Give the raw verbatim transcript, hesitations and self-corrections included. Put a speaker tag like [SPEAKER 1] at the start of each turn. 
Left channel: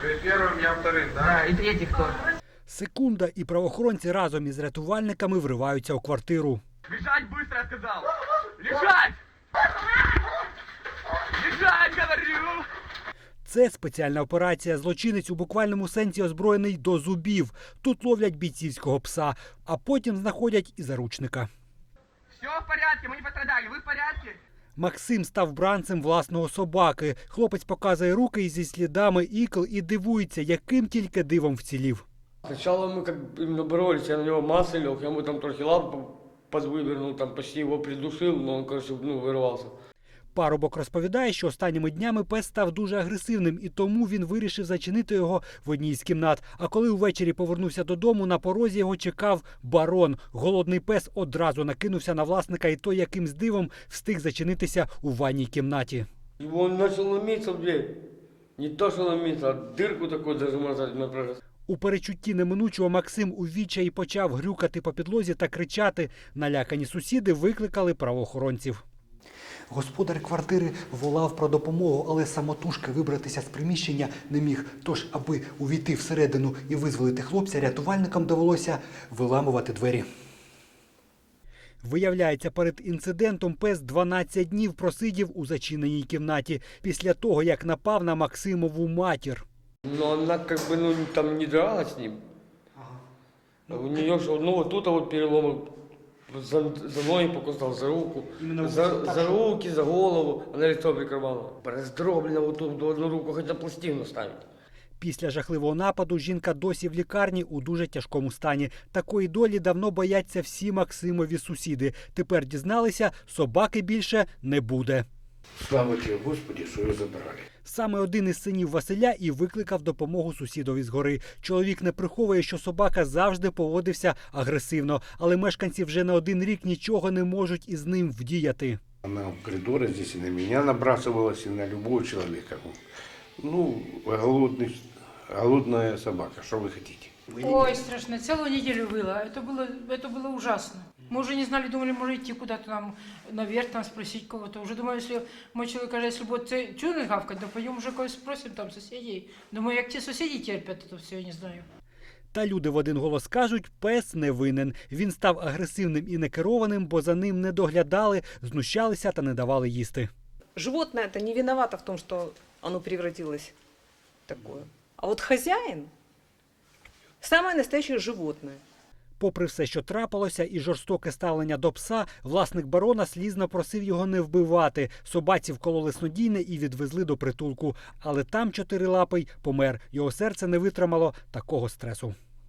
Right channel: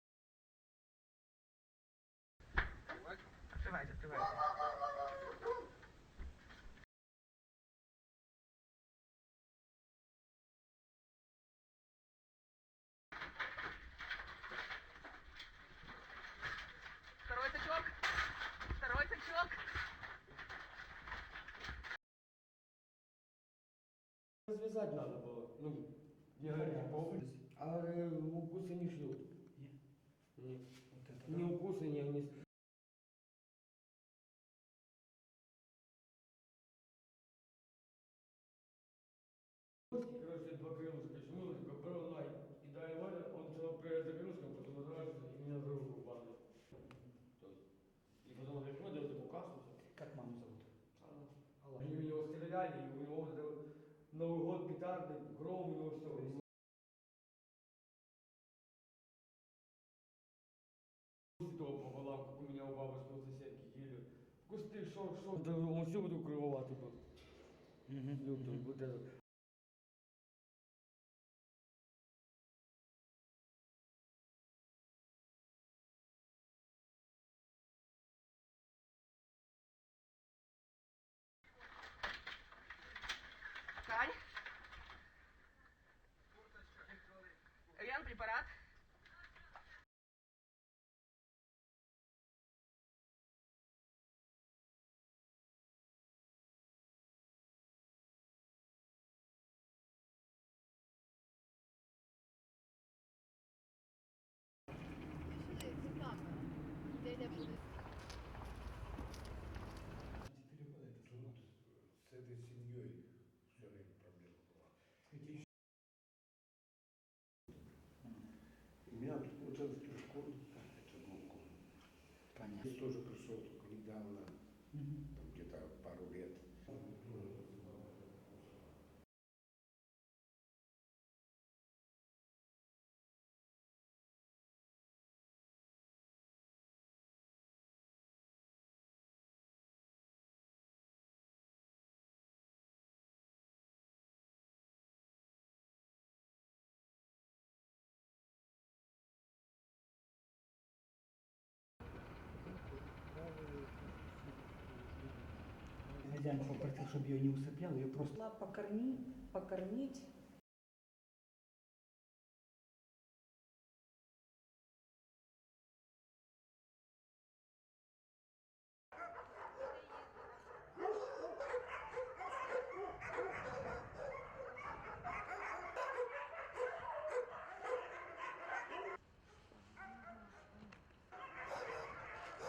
[SPEAKER 1] Вы первым, я вторым, да?
[SPEAKER 2] Да, и третий кто?
[SPEAKER 3] Секунда, і правоохоронці разом із рятувальниками вриваються у квартиру.
[SPEAKER 2] Лежать быстро, я сказал! Лежать! Лежать, говорю!
[SPEAKER 3] Це спеціальна операція. Злочинець у буквальному сенсі озброєний до зубів. Тут ловлять бійцівського пса, а потім знаходять і заручника.
[SPEAKER 2] Все в порядке, мы не пострадали, вы в порядке?
[SPEAKER 3] Максим став бранцем власного собаки. Хлопець показує руки зі слідами ікл і дивується, яким тільки дивом вцілів.
[SPEAKER 4] Сначала мы как именно боролись, я на него массы лег, я ему там трохи лапу подвывернул, там почти его придушил, но он, короче, ну, вырвался.
[SPEAKER 3] Парубок розповідає, що останніми днями пес став дуже агресивним, і тому він вирішив зачинити його в одній з кімнат. А коли увечері повернувся додому, на порозі його чекав барон. Голодний пес одразу накинувся на власника, і той якимсь дивом встиг зачинитися у ванній кімнаті.
[SPEAKER 4] Его он начал ломиться в дверь. Не то, что ломиться, а дырку такую даже можно на прорез.
[SPEAKER 3] У перечутті неминучого Максим у відчаї почав грюкати по підлозі та кричати. Налякані сусіди викликали правоохоронців. Господар квартири волав про допомогу, але самотужки вибратися з приміщення не міг. Тож, аби увійти всередину і визволити хлопця, рятувальникам довелося виламувати двері. Виявляється, перед інцидентом пес дванадцять днів просидів у зачиненій кімнаті після того, як напав на Максимову матір.
[SPEAKER 4] Но она как бы, ну, там не дралась с ним. У нее, ну, вот тут вот перелом, за, за ноги покусал, за руку, за, за руки, за голову, она лицо прикрывала. Раздроблена вот тут в одну руку, хотя пластину ставить.
[SPEAKER 3] Після жахливого нападу жінка досі в лікарні у дуже тяжкому стані. Такої долі давно бояться всі Максимові сусіди. Тепер дізналися, собаки більше не буде.
[SPEAKER 5] Слава тебе, Господи, що його забрали.
[SPEAKER 3] Саме один із синів Василя і викликав допомогу сусідові згори. Чоловік не приховує, що собака завжди поводився агресивно, але мешканці вже не один рік нічого не можуть із ним вдіяти.
[SPEAKER 5] Она в коридоре здесь и на меня набрасывалась, и на любого человека. Ну, голодный, голодная собака, что вы хотите?
[SPEAKER 6] Ой, страшно. Целую неделю было. Это было, это было ужасно. Мы уже не знали, думали, может идти куда-то нам наверх, там спросить кого-то. Уже думаю, если мой человек каже, если будет чудо гавкать, то пойдем уже кого спросим там соседей. Думаю, як ті сусіди терпять, то все, я не знаю.
[SPEAKER 3] Та люди в один голос кажуть, пес не винен. Він став агресивним і некерованим, бо за ним не доглядали, знущалися та не давали їсти.
[SPEAKER 7] Животное это не виновато в том, что оно превратилось в такое. А вот хозяин – самое настоящее животное.
[SPEAKER 3] Попри все, що трапилося, і жорстоке ставлення до пса, власник барона слізно просив його не вбивати. Собаці вкололи снодійне і відвезли до притулку. Але там чотирилапий помер. Його серце не витримало такого стресу.